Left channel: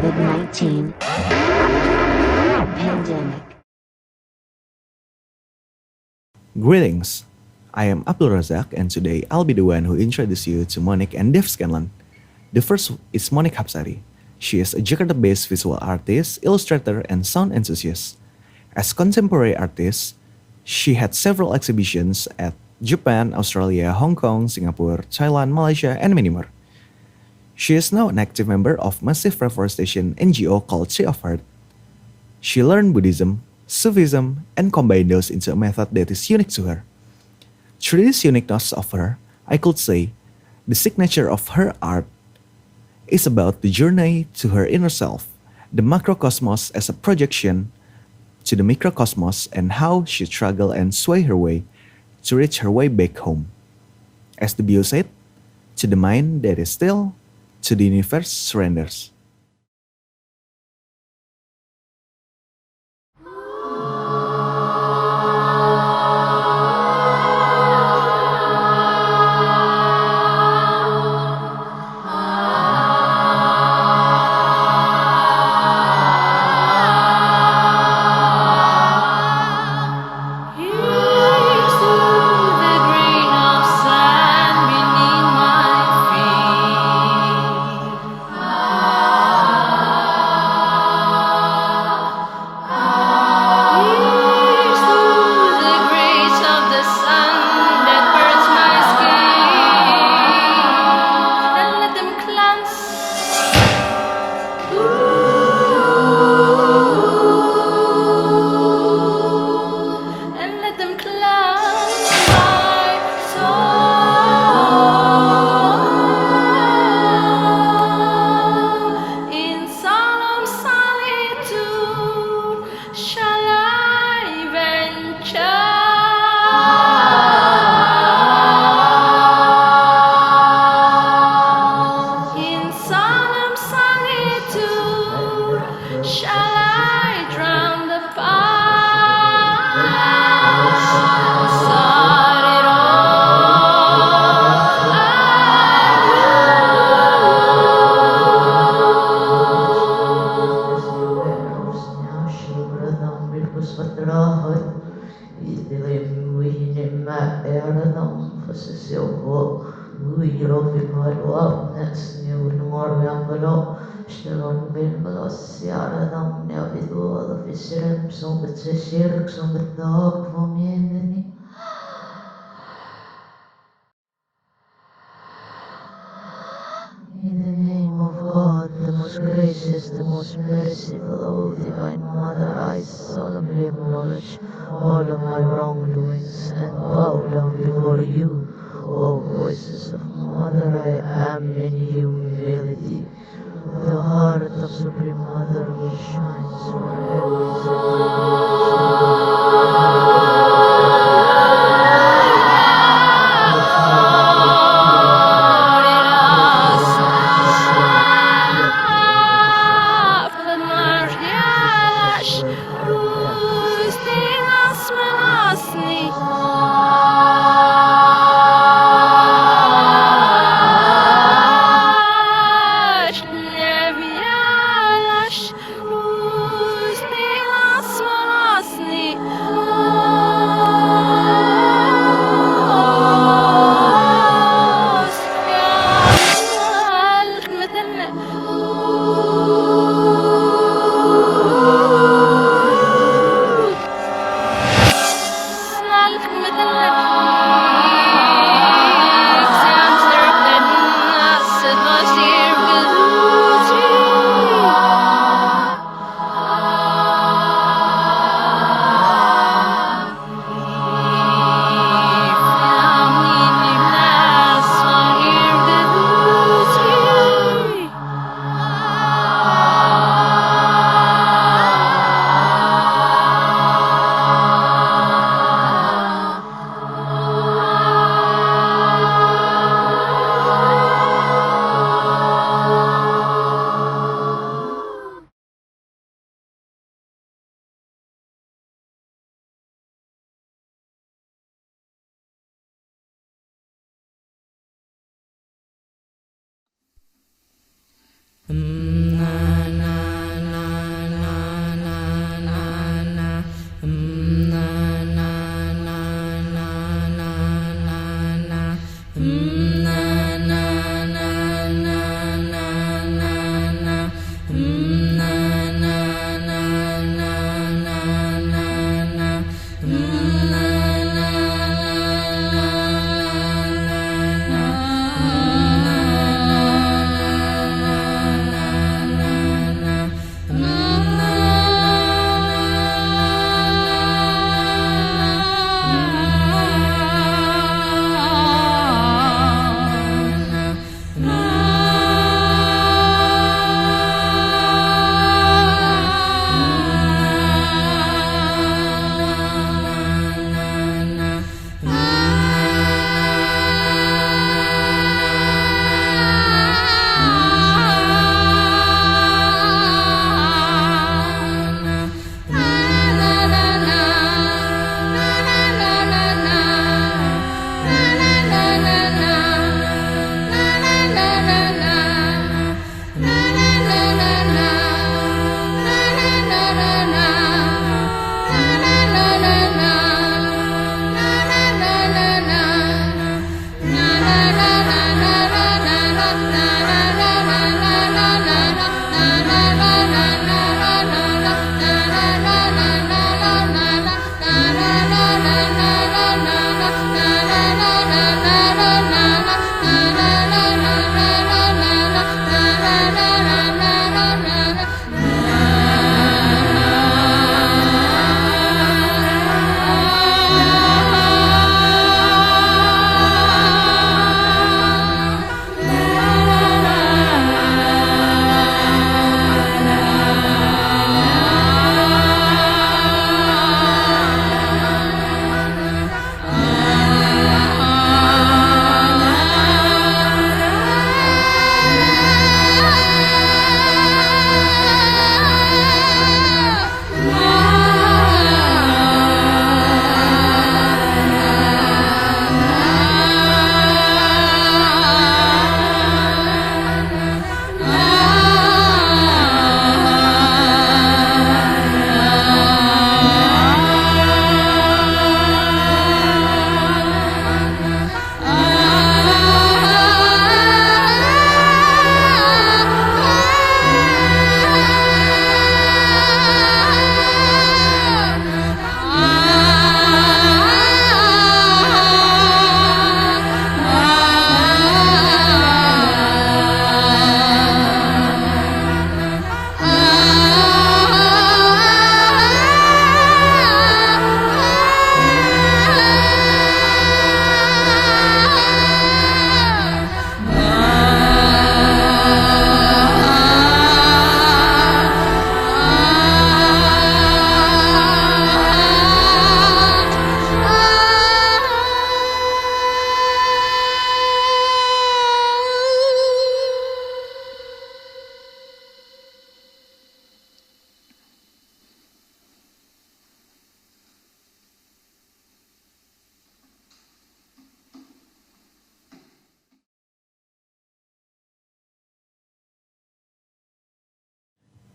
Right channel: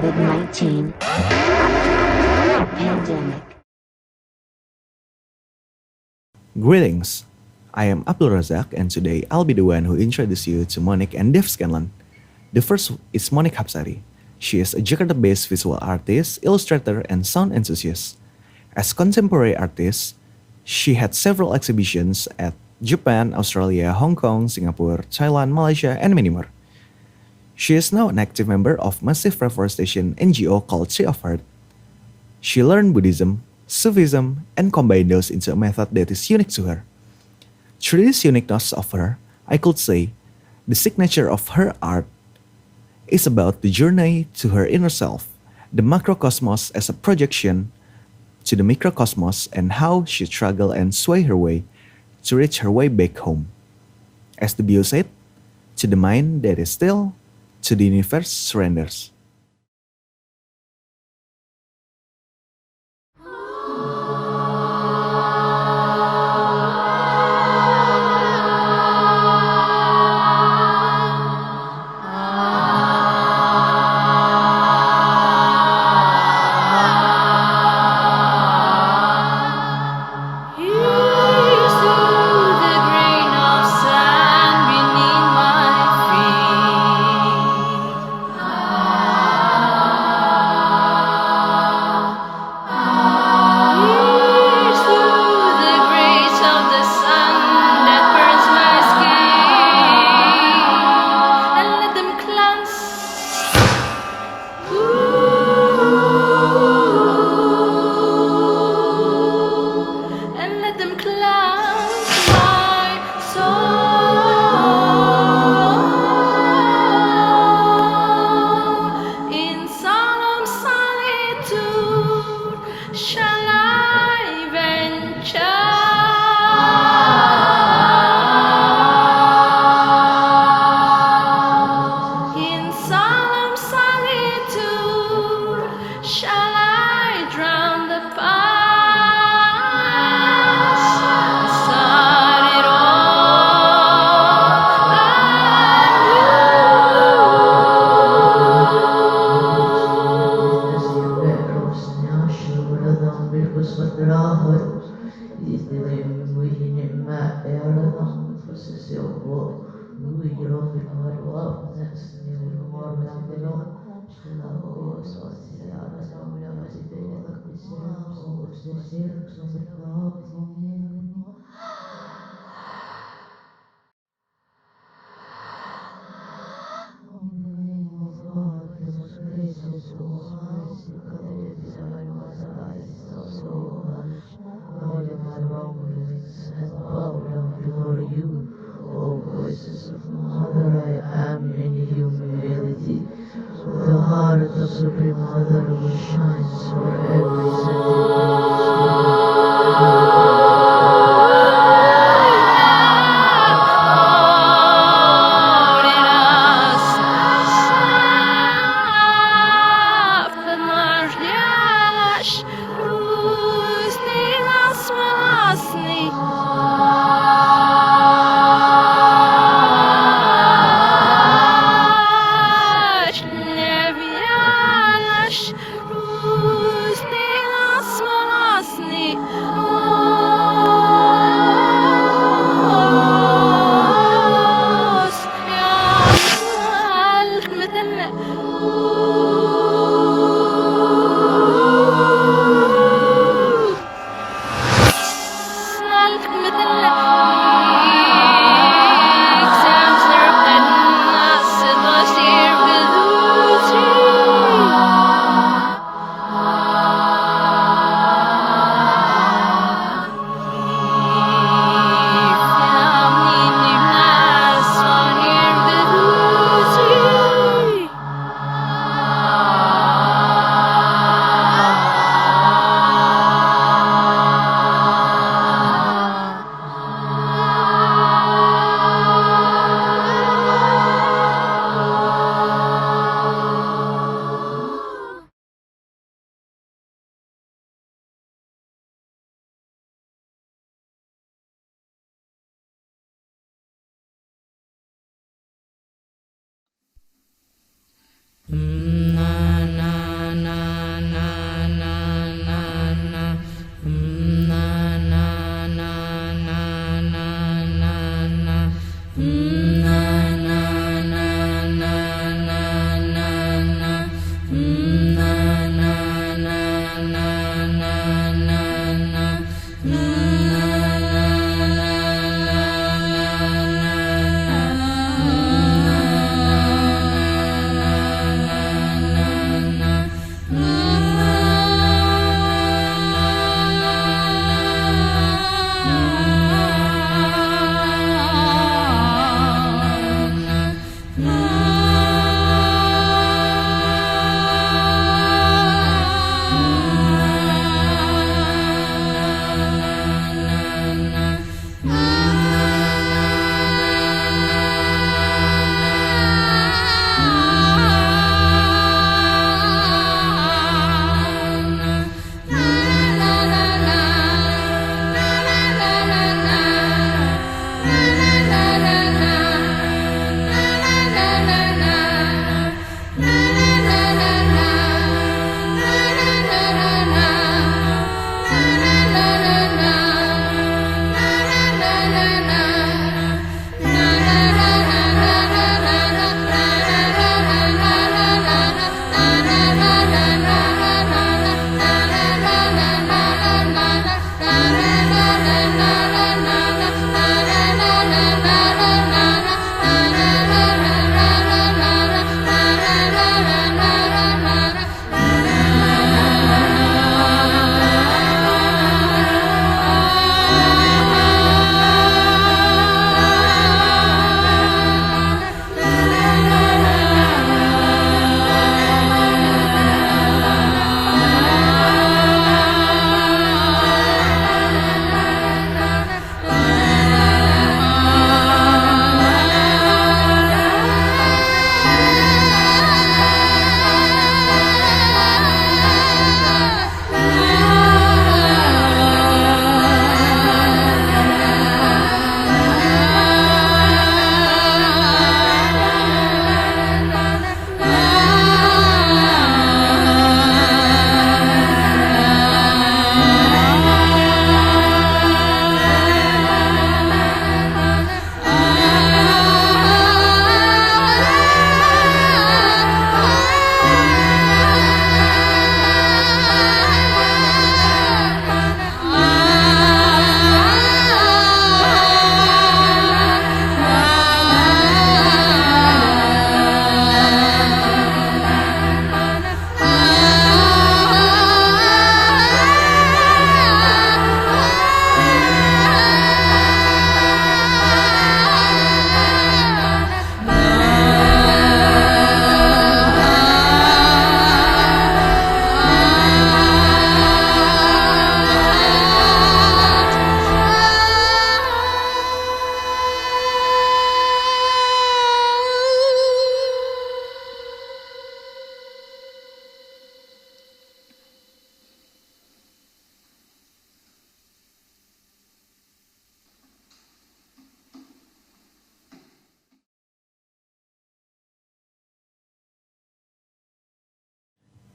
COVID-19 pandemic. Greetings, I am Abdul Razak and today I'll be the one who introduces you to Monique and Dev Scanlon. The first is Monique Hapsari. She is a Jakarta-based visual artist, illustrator, and sound enthusiast. As contemporary artist, she had several exhibitions at Japan, Australia, Hong Kong, Singapore, Thailand, Malaysia, and many more. She is now an active member of massive reforestation NGO called Tree of Heart. She learned Buddhism, Sufism, and combined those into a method that is unique to her. Through this uniqueness of her, I could say, the signature of her art is about the journey to her inner self, the macrocosmos as a projection to the microcosmos and how she struggled and swayed her way to reach her way back home. As the bio said, to the mind that is still, to the universe surrenders. In the name of God, the most gracious, the most merciful, O Divine Mother, I solemnly acknowledge all of my wrongdoings and bow down before you. O voices of Mother, I am in humility. The heart of Supreme Mother who shines for every second.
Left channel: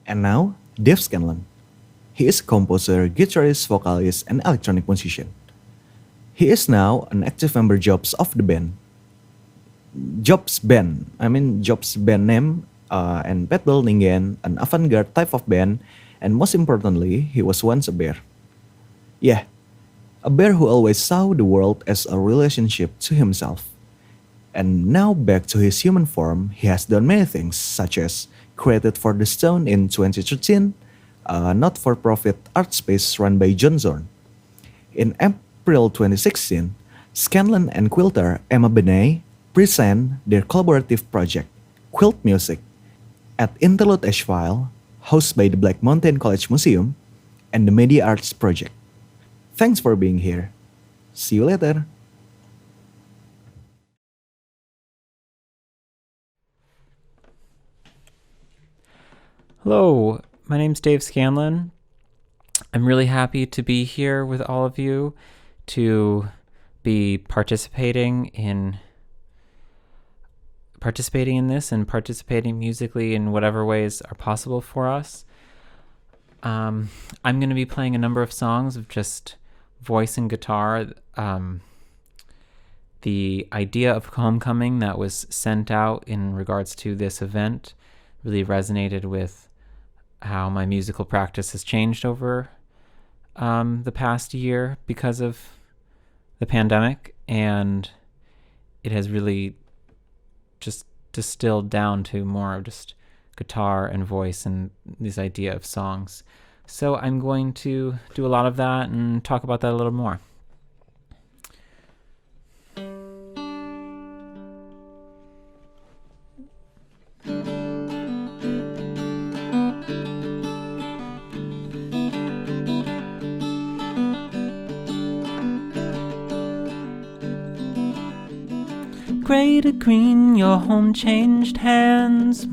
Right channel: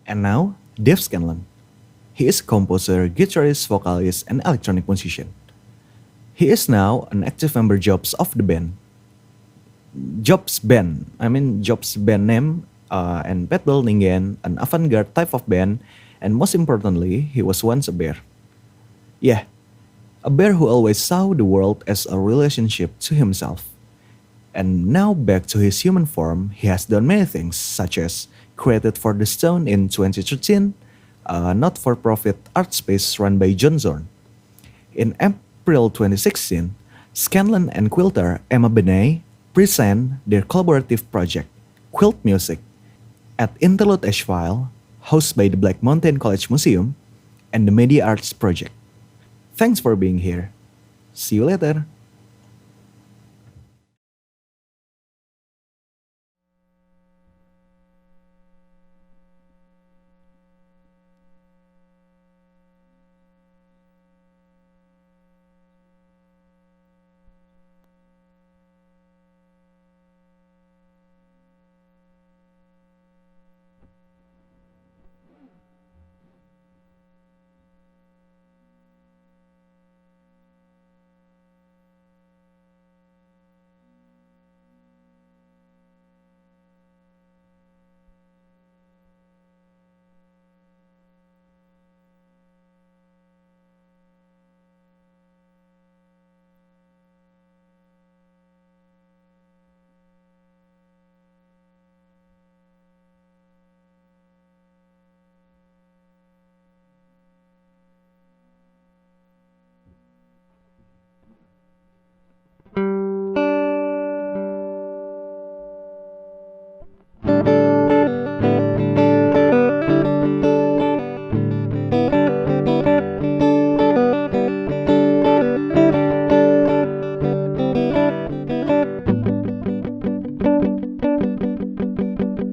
And now, Dave Scanlon. He is a composer, guitarist, vocalist, and electronic musician. He is now an active member of the band. Jobs band name, and Petbel Ningen, an avant-garde type of band, and most importantly, he was once a bear. Yeah, a bear who always saw the world as a relationship to himself. And now back to his human form, he has done many things, such as created For the Stone in 2013, a not-for-profit art space run by John Zorn. In April 2016, Scanlon and quilter Emma Benet present their collaborative project, Quilt Music, at Interlude Asheville, hosted by the Black Mountain College Museum and the Media Arts Project. Thanks for being here. See you later. Hello, my name's Dave Scanlon. I'm really happy to be here with all of you to be participating in this and participating musically in whatever ways are possible for us. I'm going to be playing a number of songs of just voice and guitar. The idea of homecoming that was sent out in regards to this event really resonated with how my musical practice has changed over the past year because of the pandemic, and it has really just distilled down to more of just guitar and voice and this idea of songs. So I'm going to do a lot of that and talk about that a little more. Gray to green, your home changed hands.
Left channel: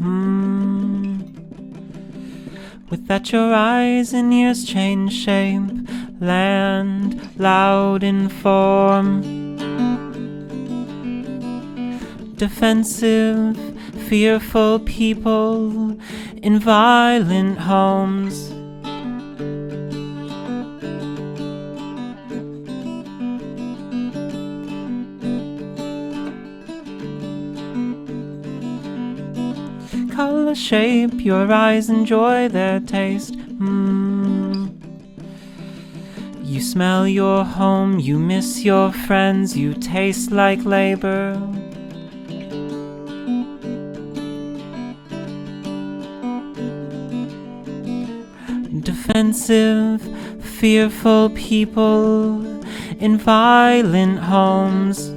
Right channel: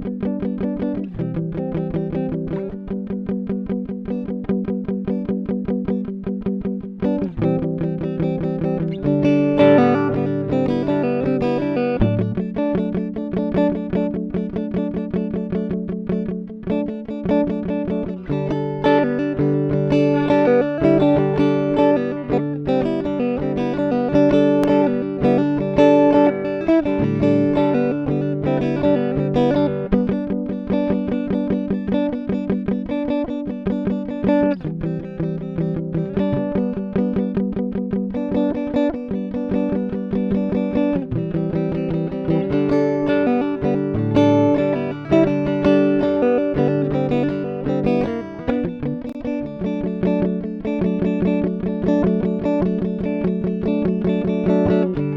With that your eyes and ears change shape. Land loud in form. Defensive, fearful people in violent homes. Color shape, your eyes enjoy their taste. You smell your home, you miss your friends, you taste like labor. Defensive, fearful people in violent homes.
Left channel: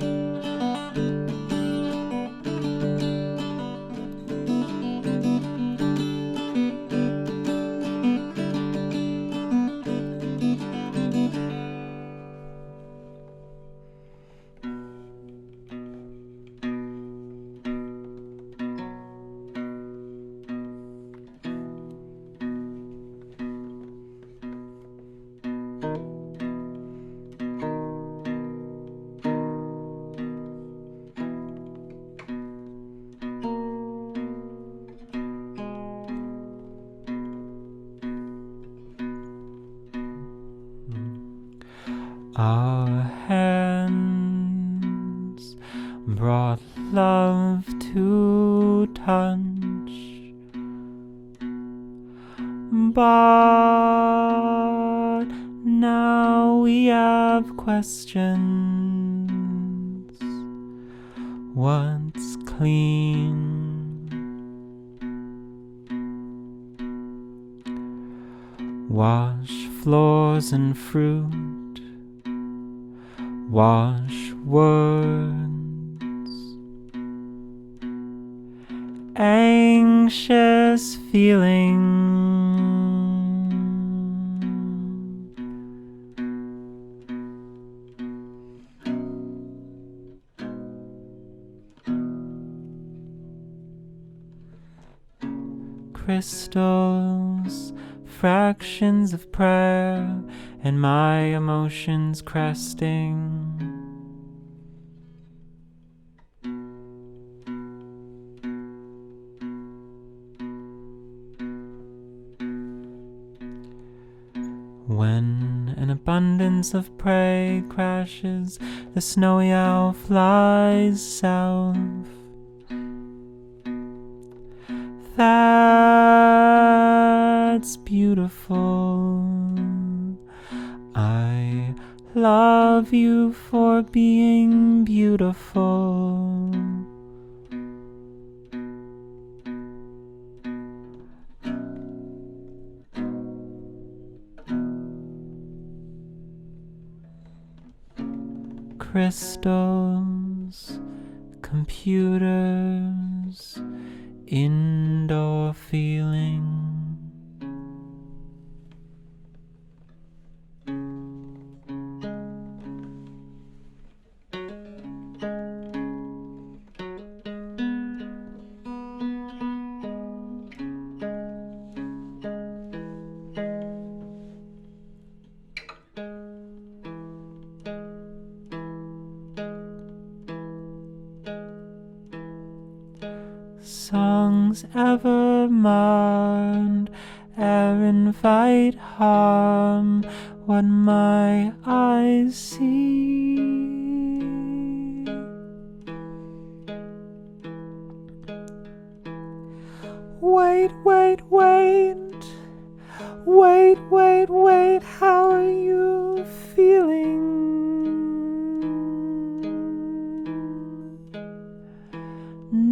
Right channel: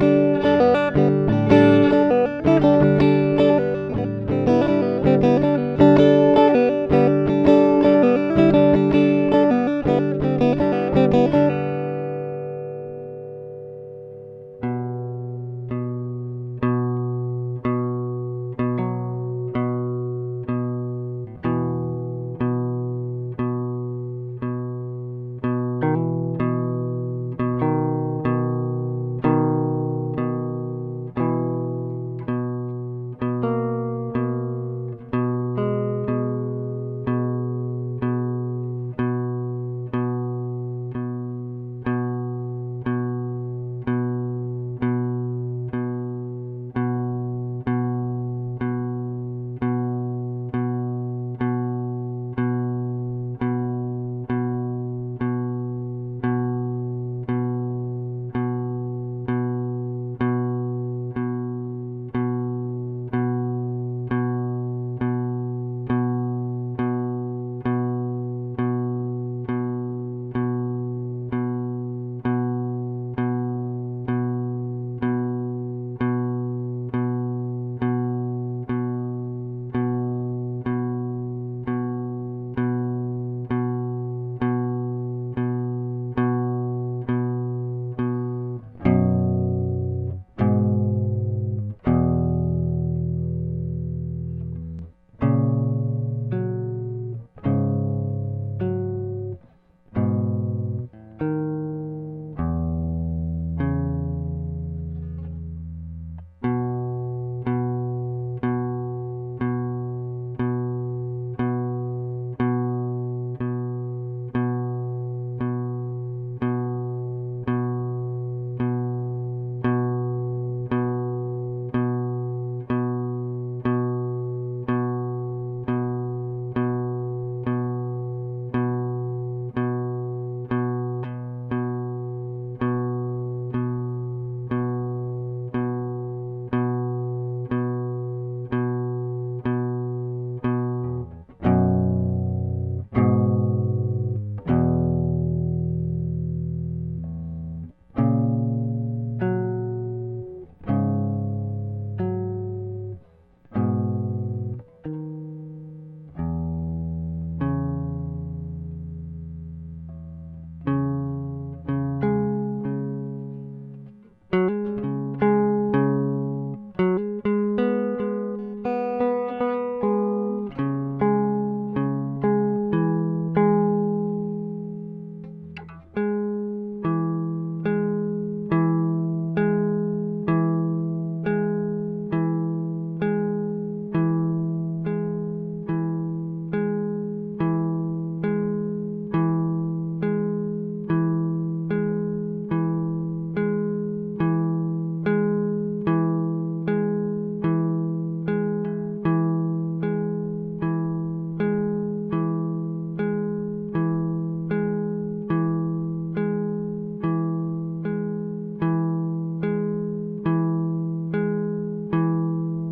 Our hands brought love to touch, but now we have questions. What's clean? Wash floors and fruit. Wash words, anxious feeling, crystals, fractions of prayer, and my emotions cresting. promise of prey crashes, the snowy owl flies south. That's beautiful. I love you for being beautiful. Crystals, computers, indoor feeling. Songs ever marred, air invite harm, what my eyes see. Wait, wait, wait, wait, wait, wait, how are you feeling?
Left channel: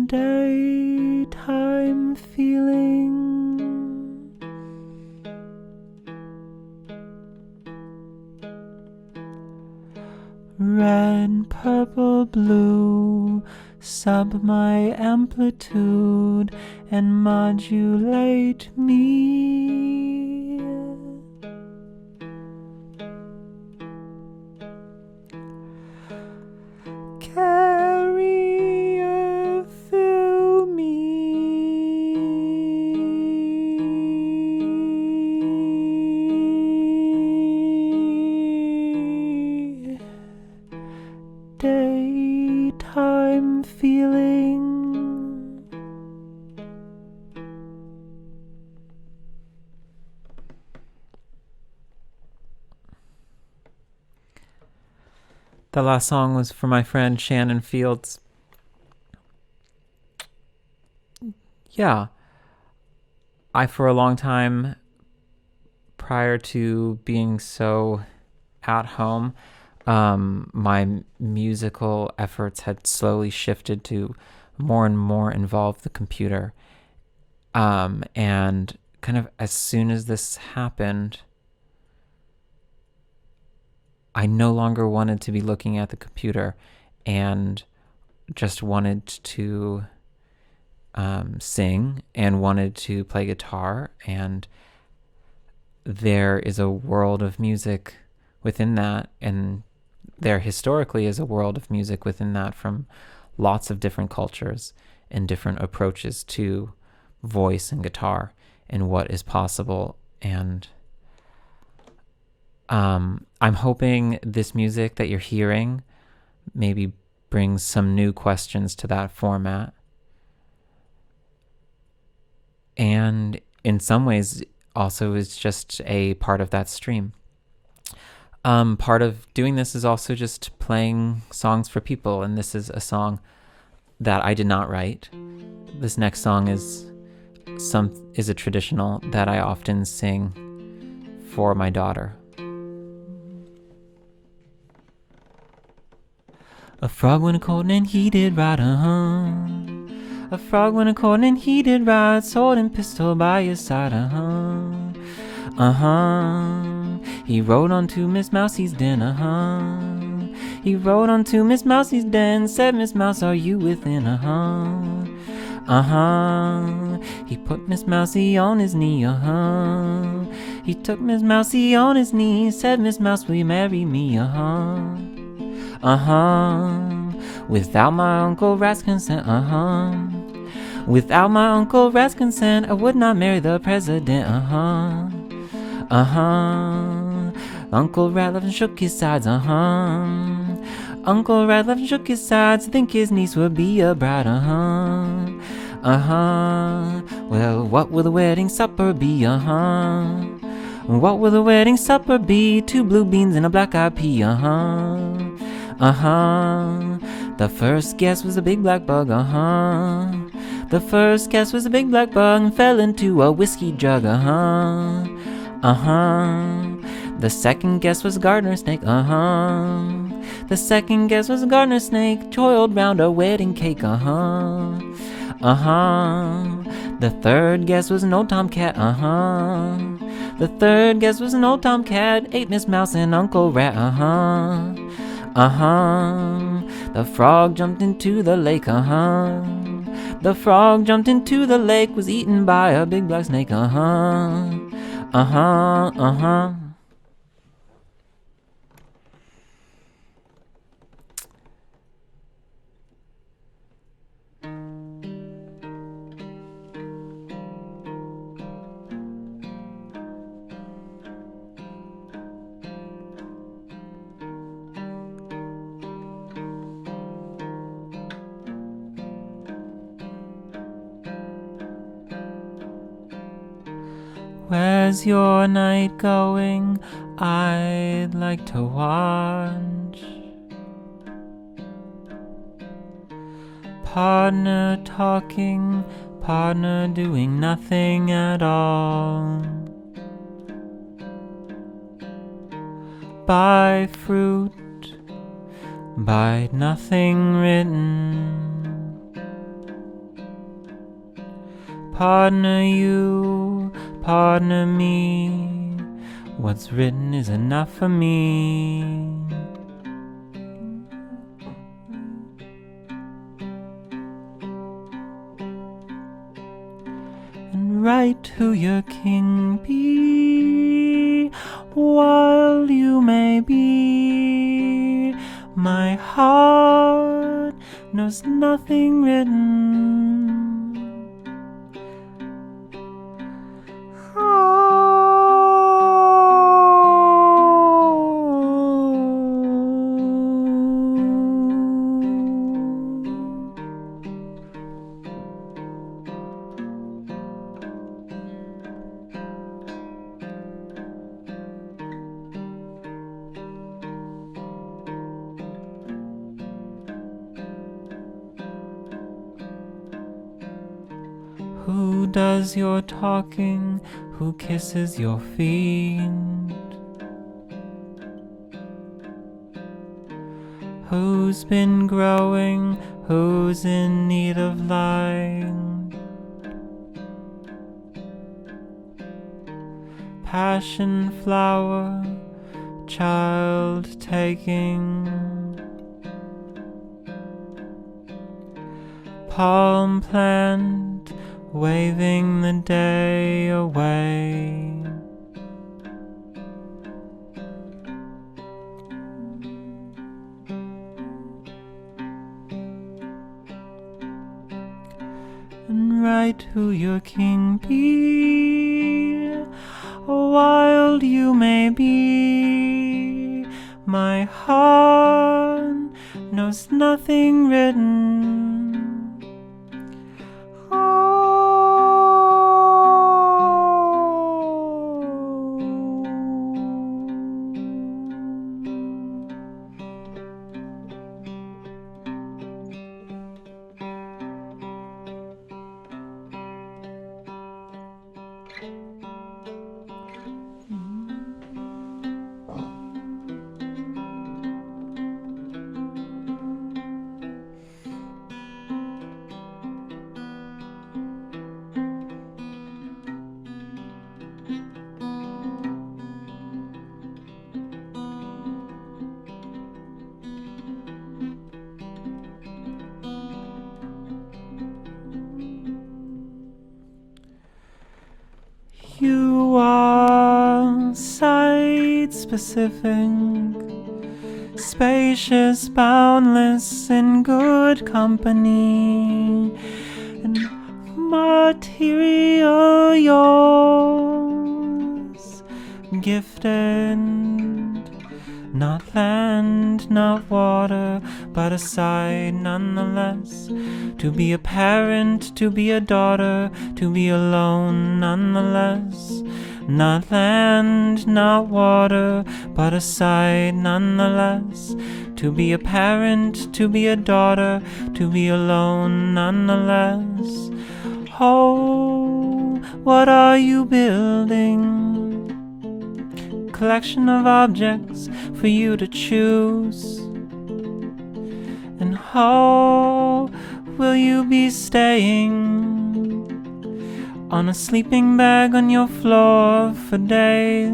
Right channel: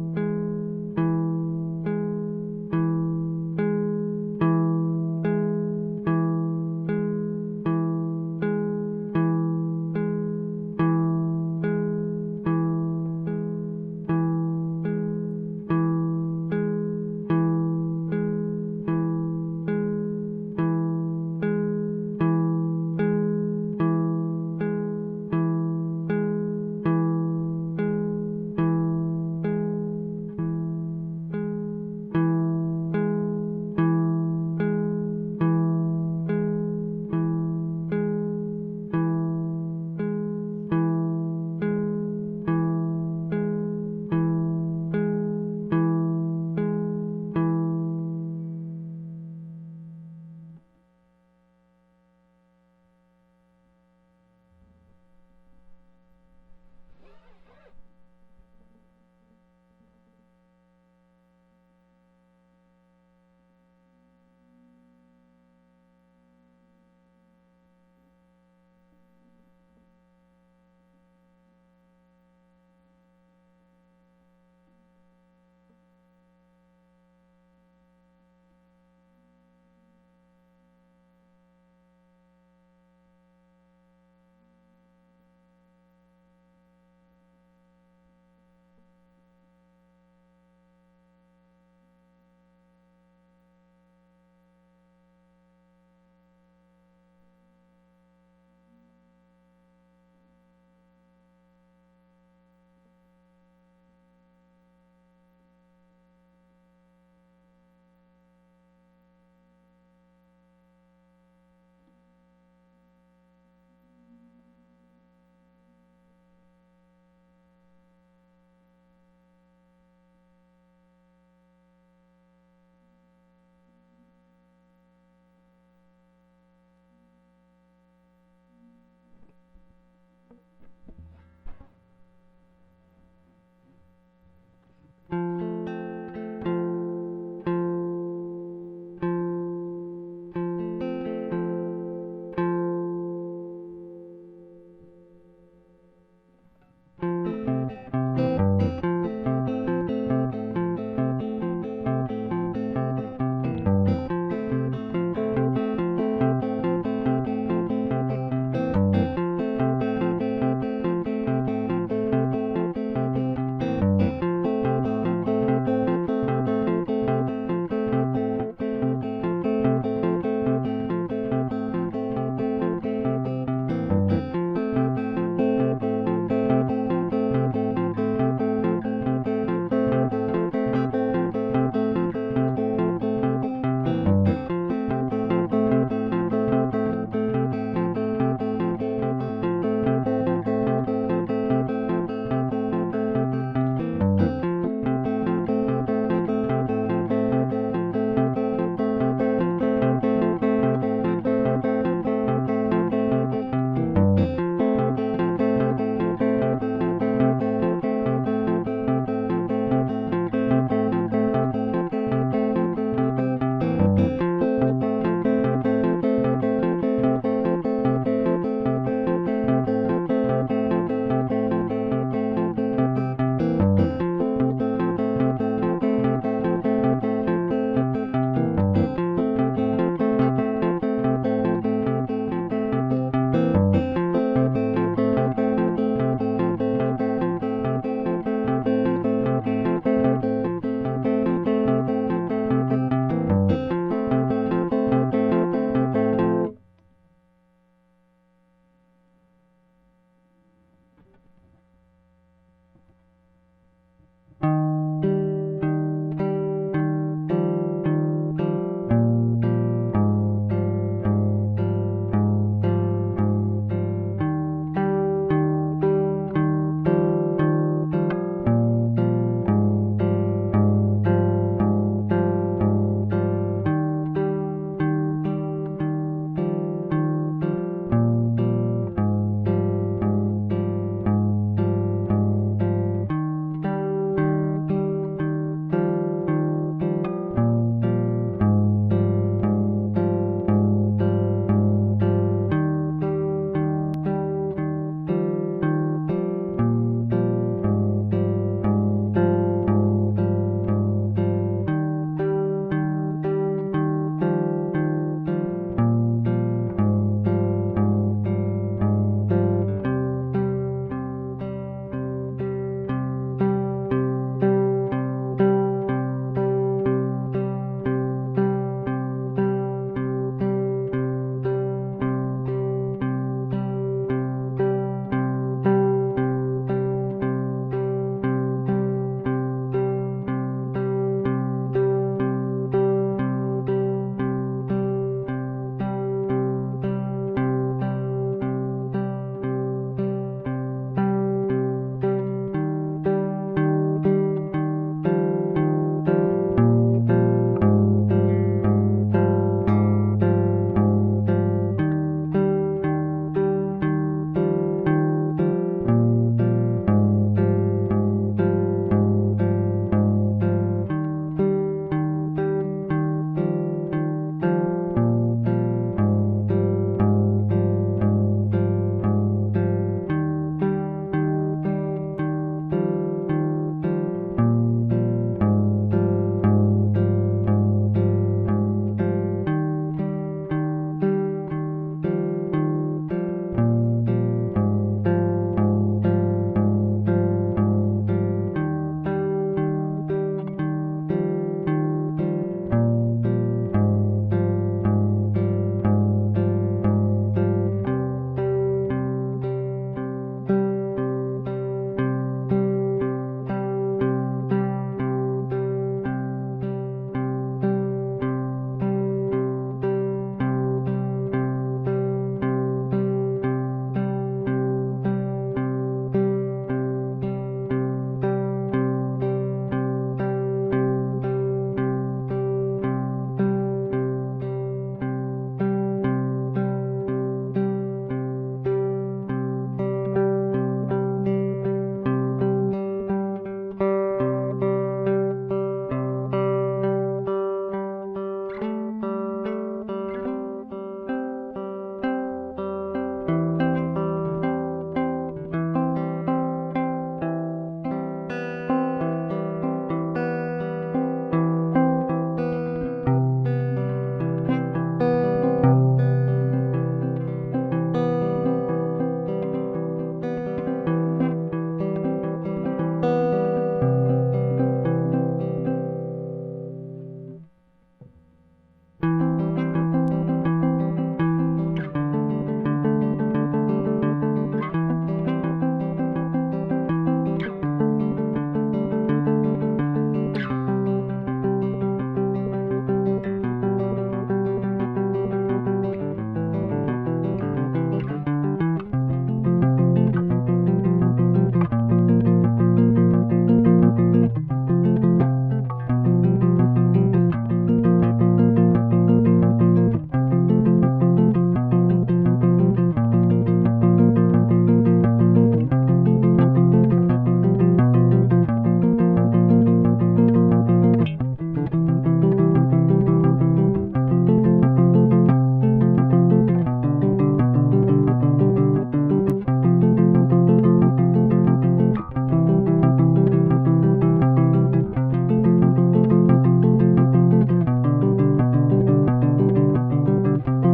Daytime feeling. Red, purple, blue, sub my amplitude and modulate me. Carrier, fill me. Daytime feeling. The last song was for my friend Shannon Fields. Yeah. I, for a long time, prior to being so at home, my musical efforts had slowly shifted to more and more involve the computer. And kind of as soon as this happened, I no longer wanted to be looking at the computer and just wanted to sing and wanted to play guitar. And there is a world of music within that, and there historically is a world of music within that from lots of different cultures and different approaches to voice and guitar and what is possible. And I'm hoping this music that you're hearing maybe brings some new questions to that format. And in some ways also is just a part of that stream. Part of doing this is also just playing songs for people, and this is a song that I did not write. This next song is a traditional that I often sing for my daughter. A frog went a-courtin' and he did ride, A frog went a-courtin' and he did ride, sword and pistol by his side, He rode on to Miss Mousie's den, He rode on to Miss Mousie's den, said, Miss Mouse, are you within, He put Miss Mousie on his knee, He took Miss Mousie on his knee, said, Miss Mouse, will you marry me, Without my Uncle Rat's consent, Without my Uncle Rat's consent, I would not marry the president, Uncle Rat laughed and shook his sides, Uncle Rat laughed and shook his sides, think his niece would be a bride, Well, what will the wedding supper be, What will the wedding supper be? 2 blue beans and a black-eyed pea, The first guest was a big black bug, The first guest was a big black bug and fell into a whiskey jug, The second guest was a gardener snake, The second guest was a gardener snake, toiled round a wedding cake, The third guest was an old tomcat, The third guest was an old tomcat, ate Miss Mouse and Uncle Rat, The frog jumped into the lake, The frog jumped into the lake, was eaten by a big black snake, Where's your night going? I'd like to watch. Partner talking, partner doing nothing at all. Buy fruit, buy nothing written. Partner you, partner me, what's written is enough for me. And write who your king be, while you may be. My heart knows nothing written. Does your talking, who kisses your feet, who's been growing, who's in need of light, passion flower, child taking, palm plant waving the day away. And write who your king be, wild you may be. My heart knows nothing written. You are site-specific, spacious, boundless, in good company, and material yours, gifted, not land, not water, but a sight nonetheless. To be a parent, to be a daughter, to be alone nonetheless. Not land, not water, but a sight nonetheless. To be a parent, to be a daughter, to be alone nonetheless. Oh, what are you building? Collection of objects for you to choose. And how will you be staying on a sleeping bag on your floor for days?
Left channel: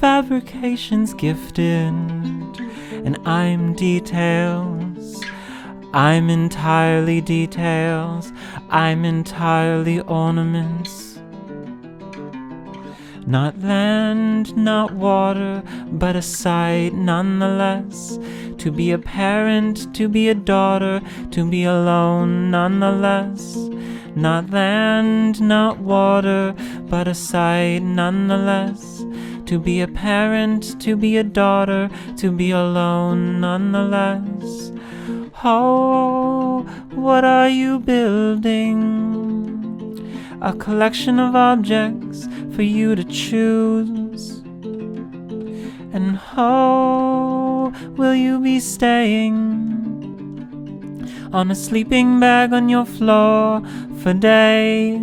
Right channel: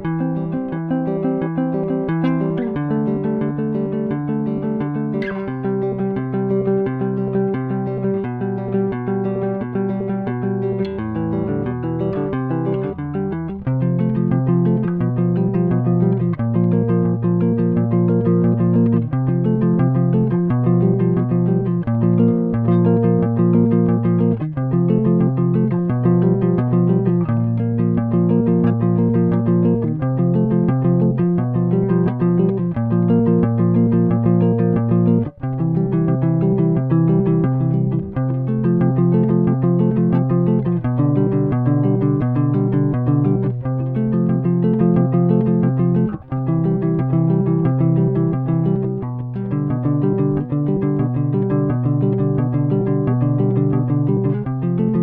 Fabrication's gifted, and I'm details. I'm entirely details. I'm entirely ornaments. Not land, not water, but a sight nonetheless. To be a parent, to be a daughter, to be alone nonetheless. Not land, not water, but a sight nonetheless. To be a parent, to be a daughter, to be alone nonetheless. Oh, what are you building? A collection of objects for you to choose. And how will you be staying on a sleeping bag on your floor for days?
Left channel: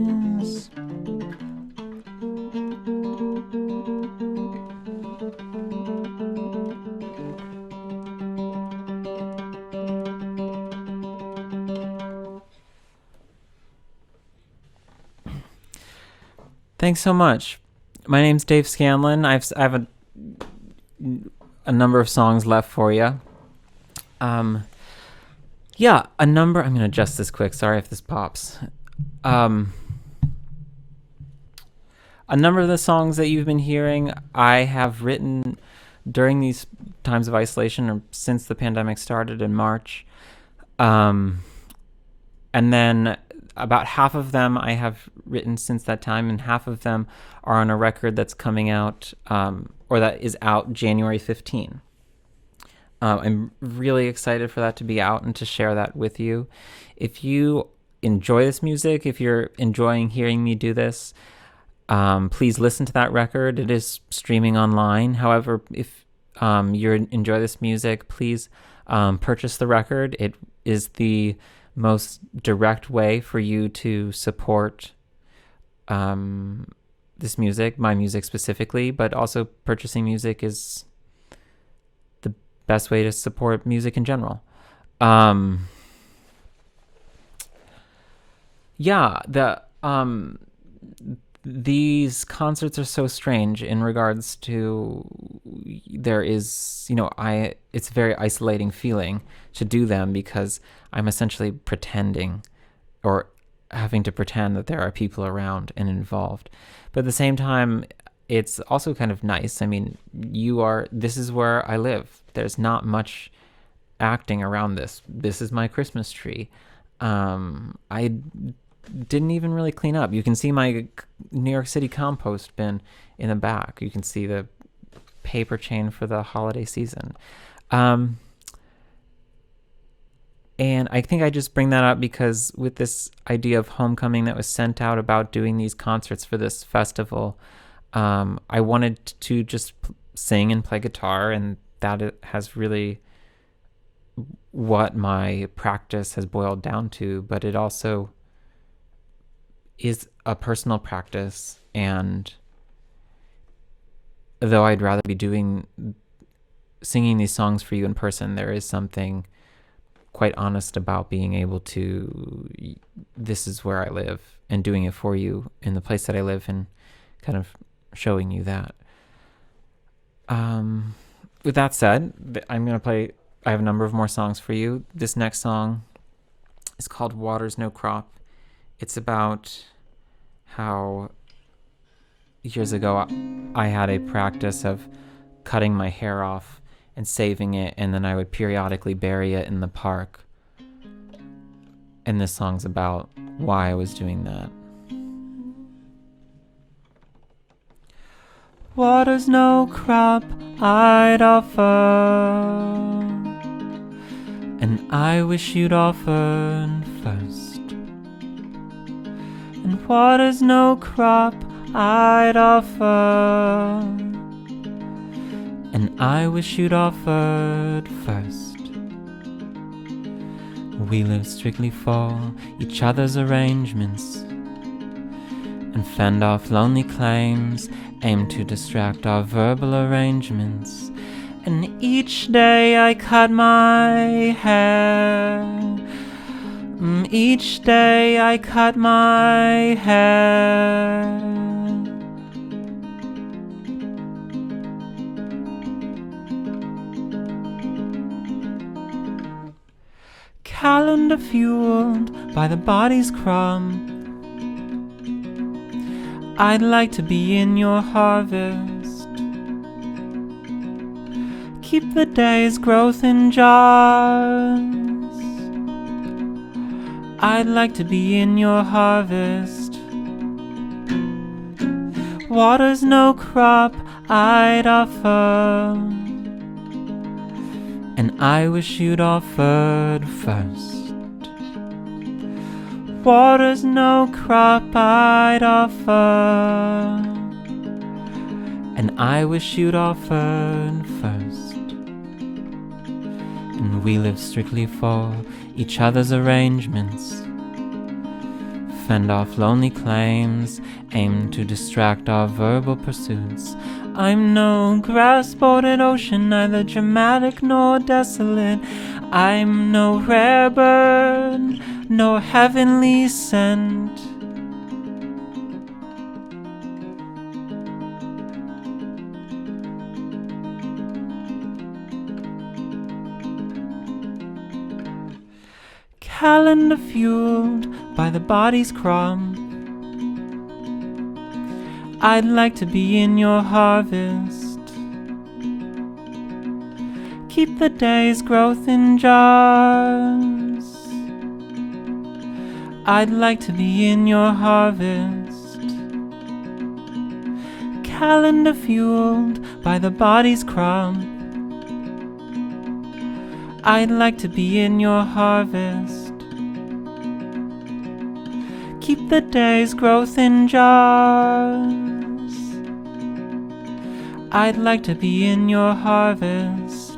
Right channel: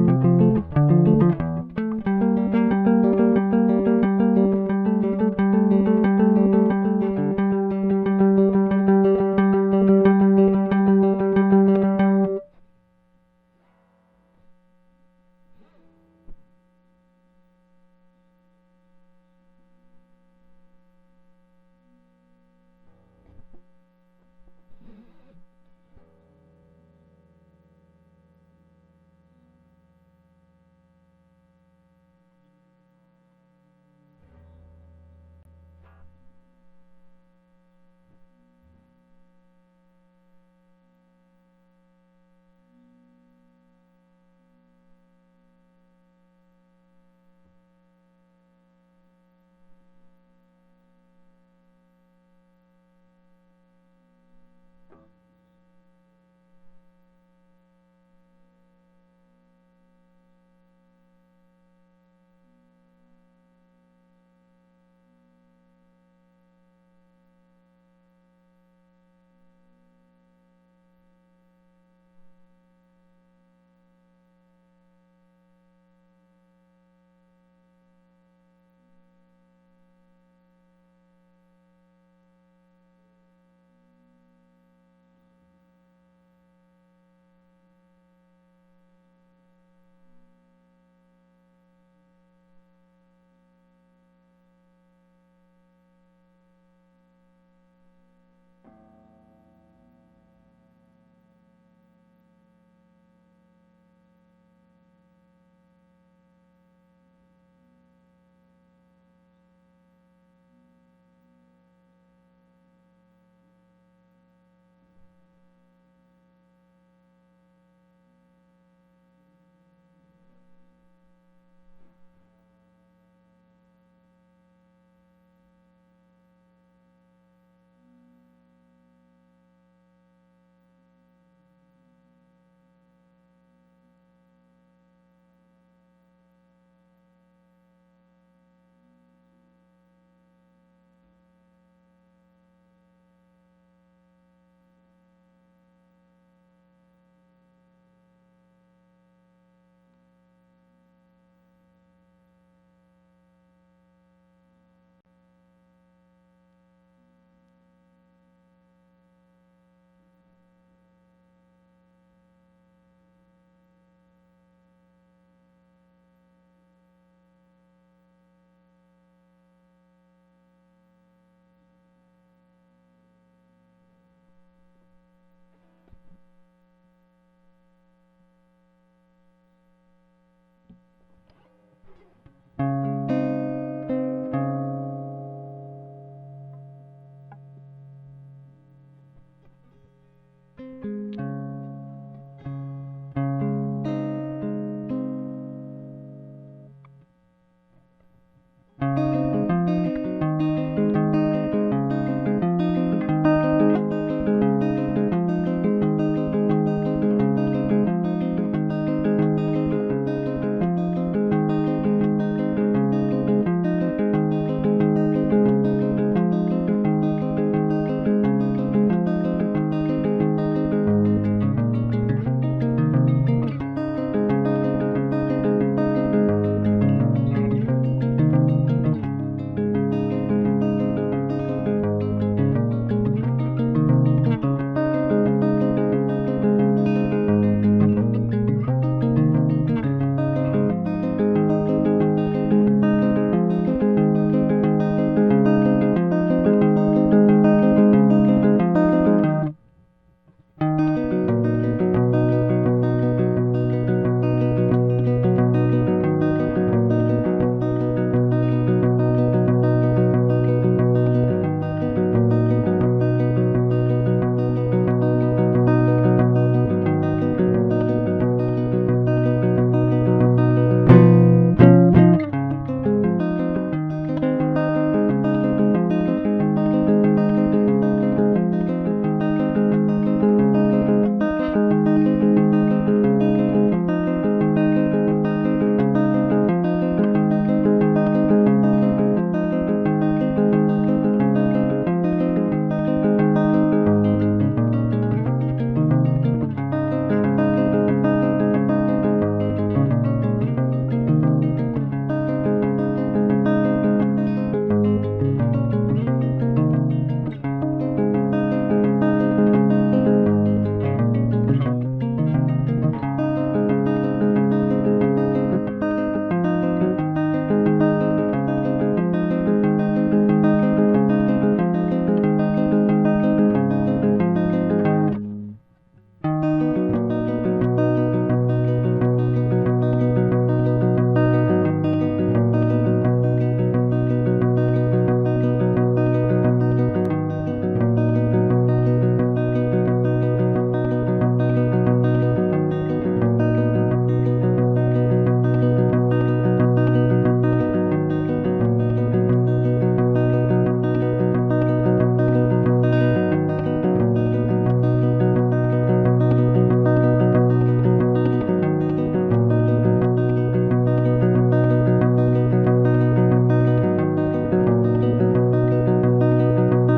Thanks so much. My name's Dave Scanlon. I have a number of songs left for you. Yeah, a number. I'm gonna adjust this quick. Sorry if this pops. A number of the songs that you've been hearing, I have written during these times of isolation, or since the pandemic started in March. And then about half of them I have written since that time, and half of them are on a record that's coming out, or that is out January 15. I'm really excited for that to be out and to share that with you. If you enjoy this music, if you're enjoying hearing me do this, please listen to that record. It is streaming online. However, if you enjoy this music, please purchase the record. It is the most direct way for you to support this music, my music specifically, but also purchasing music is the best way to support music in general. These concerts are so strange in regards to it's a very isolating feeling to do them, because I'm essentially pretending, or having to pretend that there are people around and involved. But at the same time, it's also kind of nice. I mean, this is where I live. There's not much acting around this. This is my Christmas tree. I didn't even really clean up. You can see my New York City compost bin in the back. You can see the paper chain for the holiday season. And I think I just bring that up because with this idea of homecoming that was sent out about doing these concerts for this festival, I wanted to just sing and play guitar, and that has really what my practice has boiled down to. But it also is a personal practice, and though I'd rather be singing these songs for you in person, there is something quite honest about being able to, this is where I live, and doing it for you in the place that I live, and kind of showing you that. With that said, I'm going to play, I have a number of more songs for you. This next song is called Water's No Crop. It's about how years ago I had a practice of cutting my hair off and saving it, and then I would periodically bury it in the park. And this song's about why I was doing that. Water's no crop I'd offer, and I I wish you'd offered first. And water's no crop I'd offer. And I wish you'd offered first. We live strictly for each other's arrangements, and fend off lonely claims, aim to distract our verbal arrangements. And each day I cut my hair. Each day I cut my hair. Calendar fueled by the body's crumb, I'd like to be in your harvest. Keep the day's growth in jars. I'd like to be in your harvest. Water's no crop I'd offer, and I wish you'd offered first. Water's no crop I'd offer, and I wish you'd offered first. And we live strictly for each other's arrangements, fend off lonely claims, aim to distract our verbal pursuits. I'm no grass-bordered ocean, neither dramatic nor desolate. I'm no rare bird, no heavenly scent. Calendar fueled by the body's crumb, I'd like to be in your harvest. Keep the day's growth in jars. I'd like to be in your harvest. Calendar fueled by the body's crumb, I'd like to be in your harvest. Keep the day's growth in jars. I'd like to be in your harvest.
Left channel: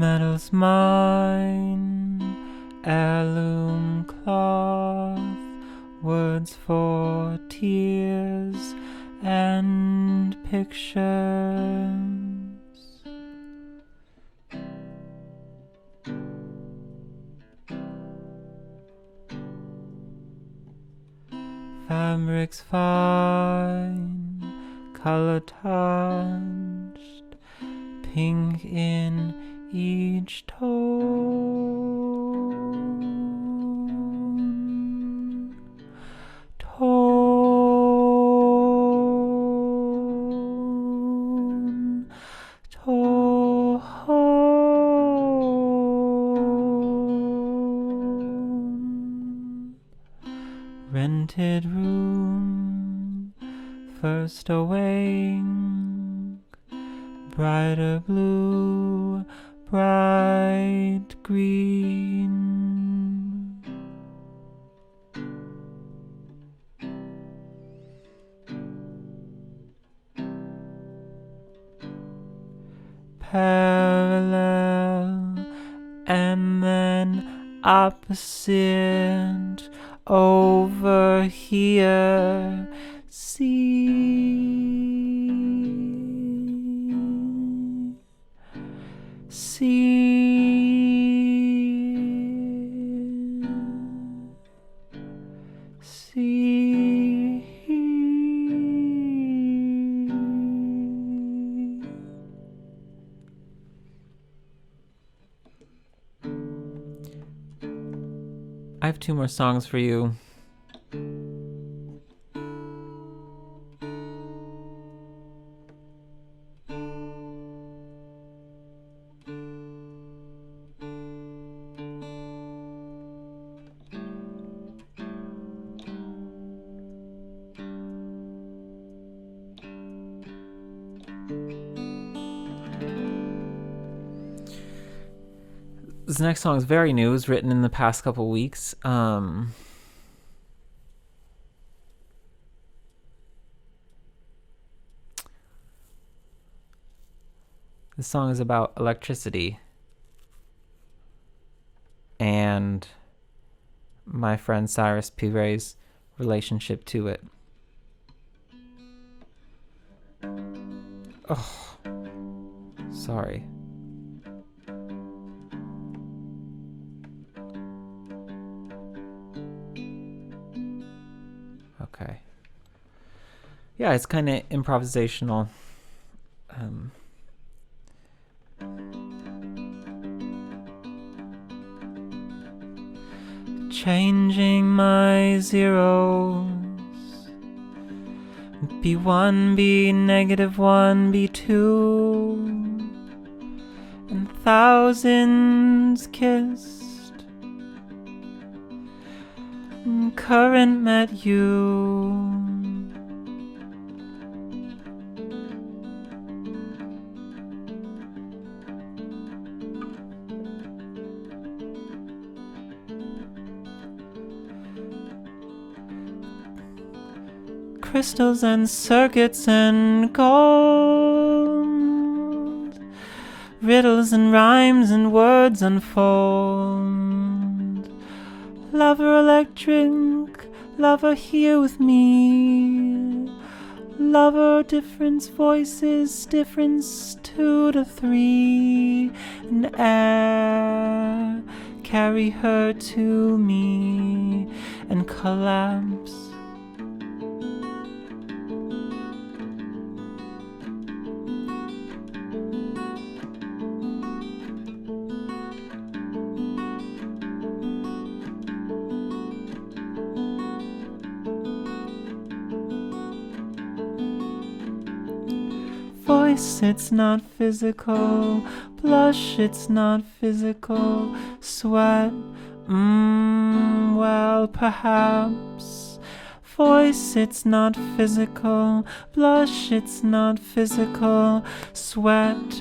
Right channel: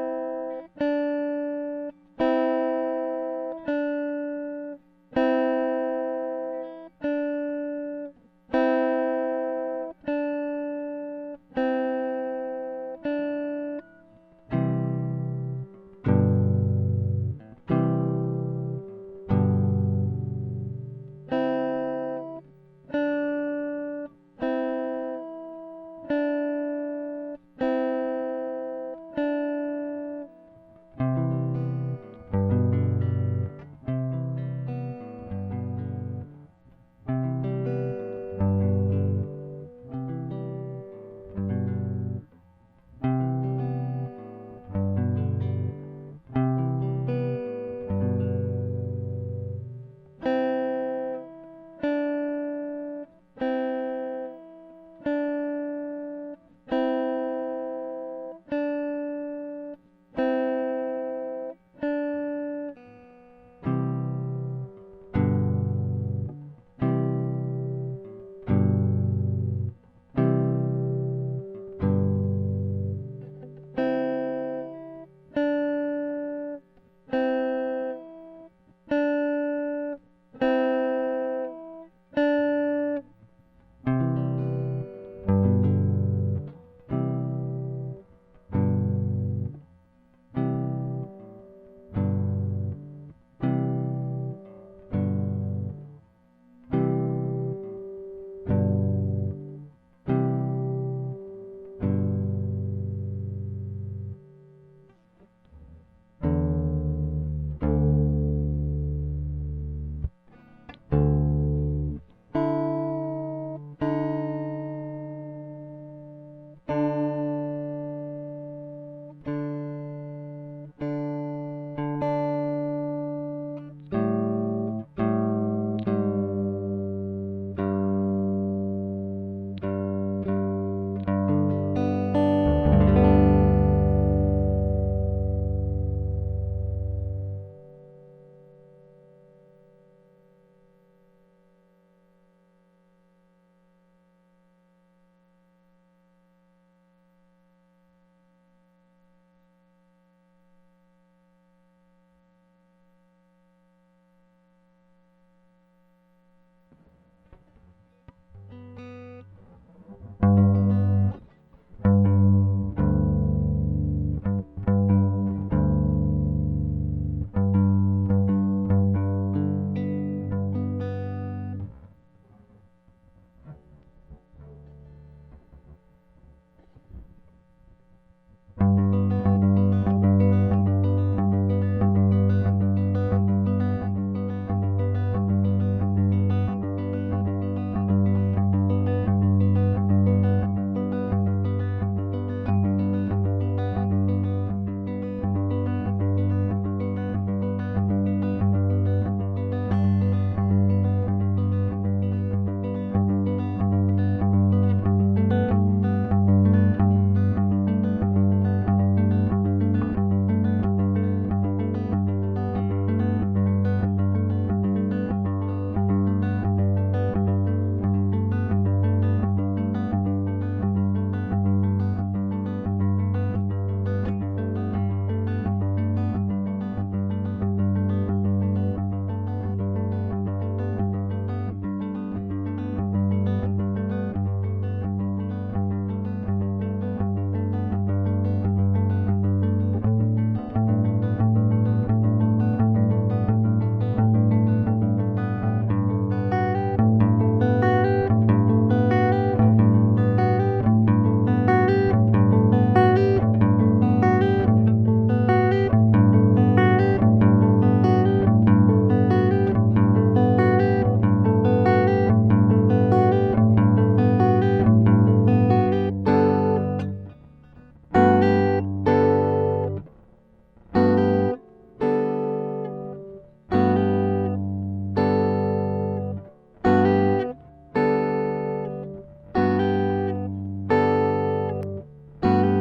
Metal's mine, heirloom cloth, words for tears and pictures. Fabrics fine, color touched, pink in each rented room, first awake, brighter blue, bright green. Parallel and then opposite over here. See, see. have 2 more songs for you. This next song is very new. It was written in the past couple weeks. This song is about electricity and my friend Cyrus Pire's relationship to it. Oh, sorry. Okay. Yeah, it's kind of improvisational. Changing my zeros, B1, B -1, B2, and thousands kissed, and current met you. Crystals and circuits and gold, riddles and rhymes and words unfold. Lover electric, lover here with me. Lover difference voices, difference 2 to 3. And air, carry her to me and collapse. It's not physical, blush, it's not physical, sweat, well, perhaps. Voice, it's not physical, blush, it's not physical, sweat,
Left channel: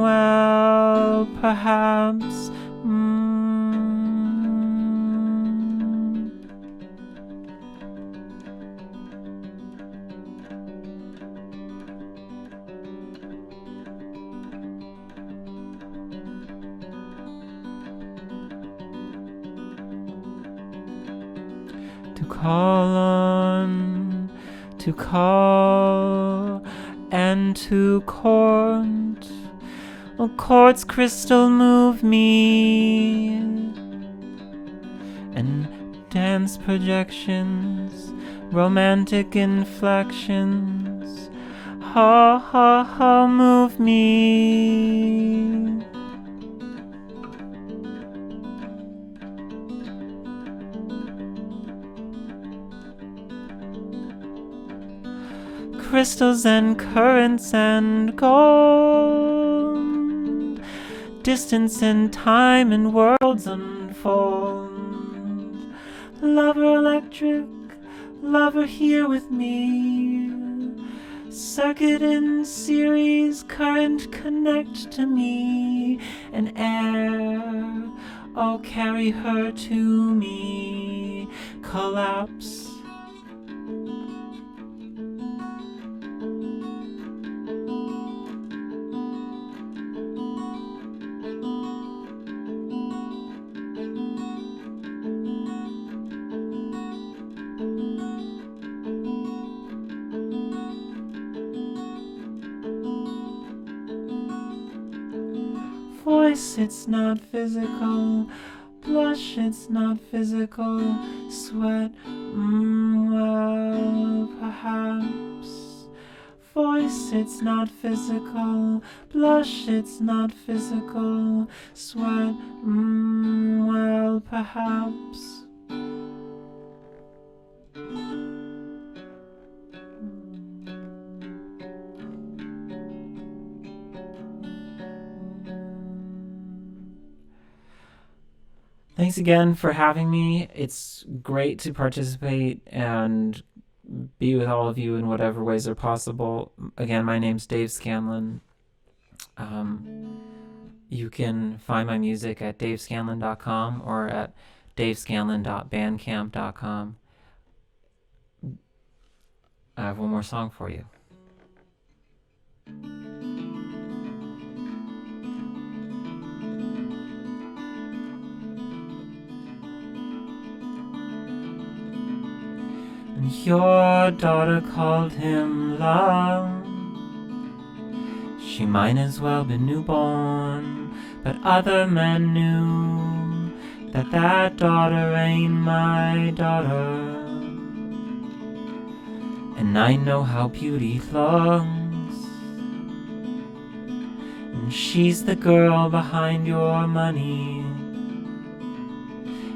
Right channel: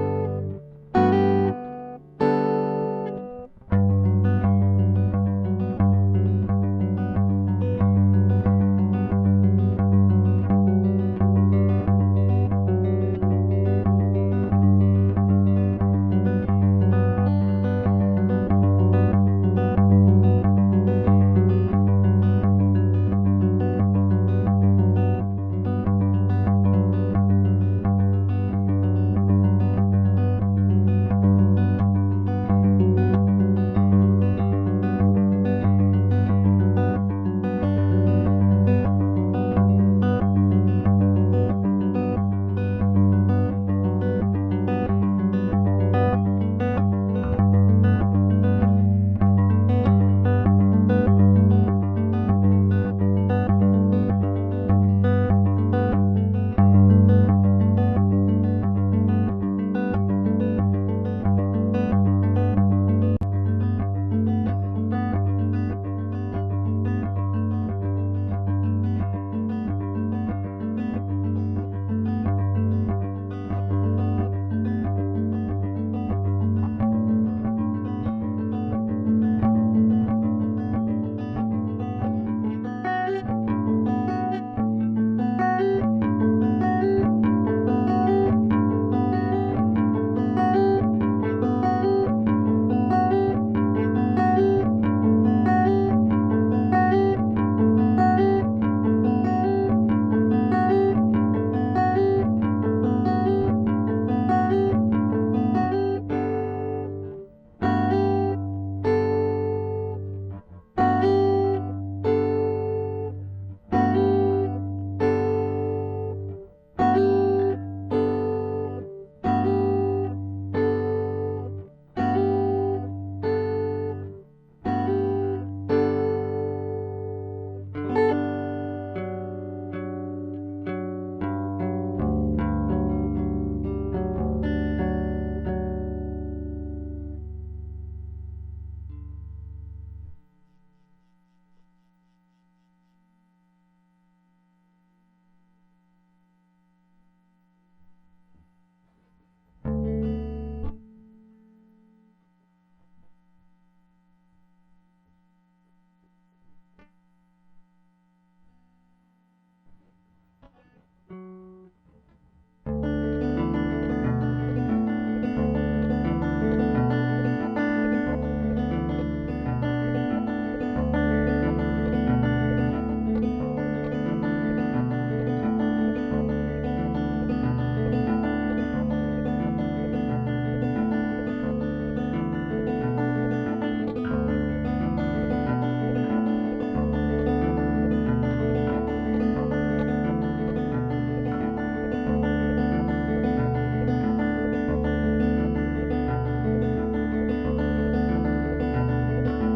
well, perhaps. Chords crystal move me, and dance projections, romantic inflections, ha ha ha move me. Crystals and currents and gold, distance and time and worlds unfold. Lover electric, lover here with me. Circuit and series, current connect to me. And air, oh carry her to me. Collapse. It's not physical, blush, it's not physical, sweat, well, perhaps. Voice, it's not physical, blush, it's not physical, sweat, well, perhaps. Thanks again for having me. It's great to participate and be with all of you in whatever ways are possible. Again, my name's Dave Scanlon. You can find my music at davescanlon.com or at davescanlon.bandcamp.com. I have one more song for you. Your daughter called him love. She might as well be newborn, but other men knew that daughter ain't my daughter. And I know how beauty looks. And she's the girl behind your money.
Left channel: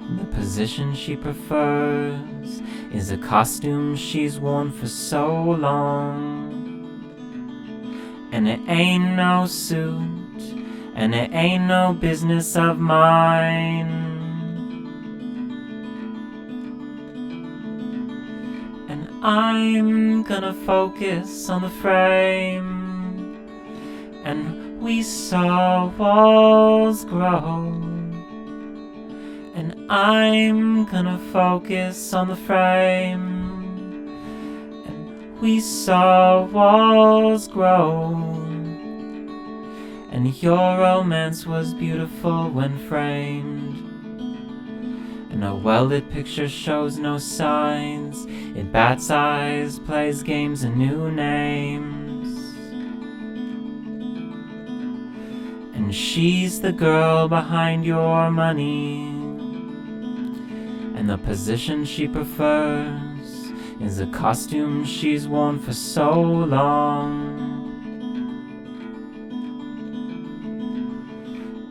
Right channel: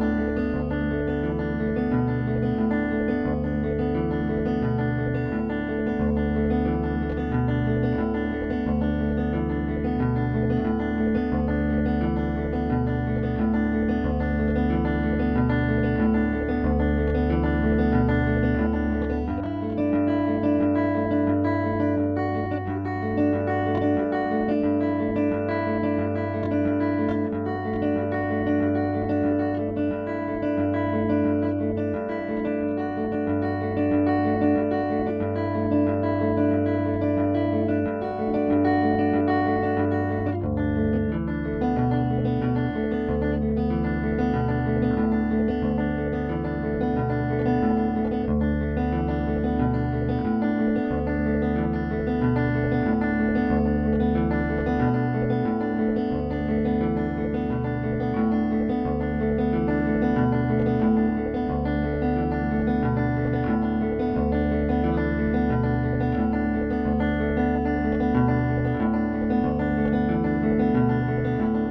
And the position she prefers is a costume she's worn for so long. And it ain't no suit, and it ain't no business of mine. And I'm gonna focus on the frame, and we saw walls grow. And I'm gonna focus on the frame, and we saw walls grow. And your romance was beautiful when framed, and a well-lit picture shows no signs. It bats eyes, plays games and new names. And she's the girl behind your money. And the position she prefers is a costume she's worn for so long.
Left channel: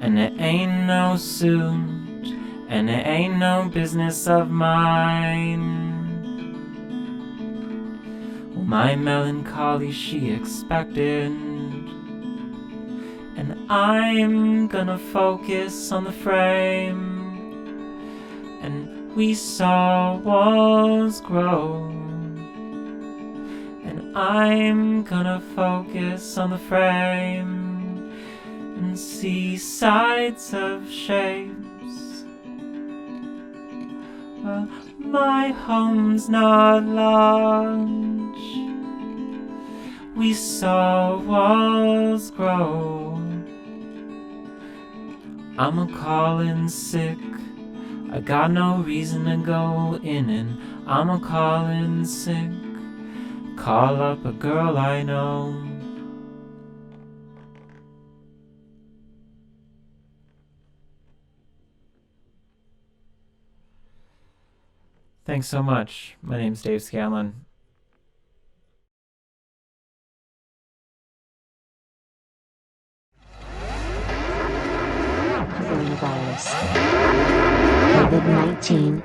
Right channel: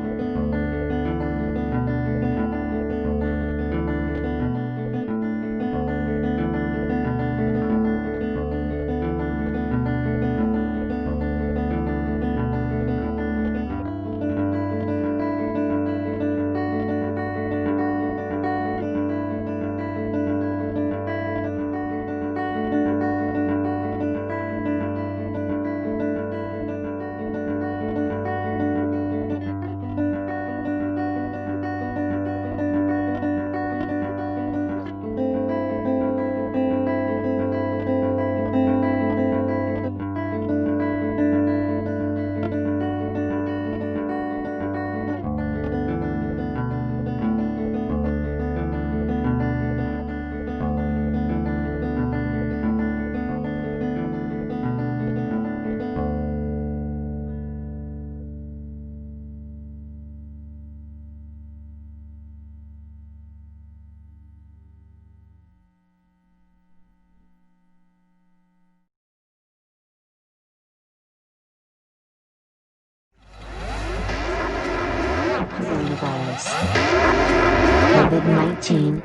And it ain't no suit, and it ain't no business of mine. My melancholy she expected, and I'm gonna focus on the frame, and we saw walls grow. And I'm gonna focus on the frame, see sides of shapes. Well, my home's not large. We saw walls grow. I'm a callin' sick. I got no reason to go in it. I'm a callin' sick. Call up a girl I know. Thanks so much. My name's Dave Scanlon. Coronavirus. COVID-19.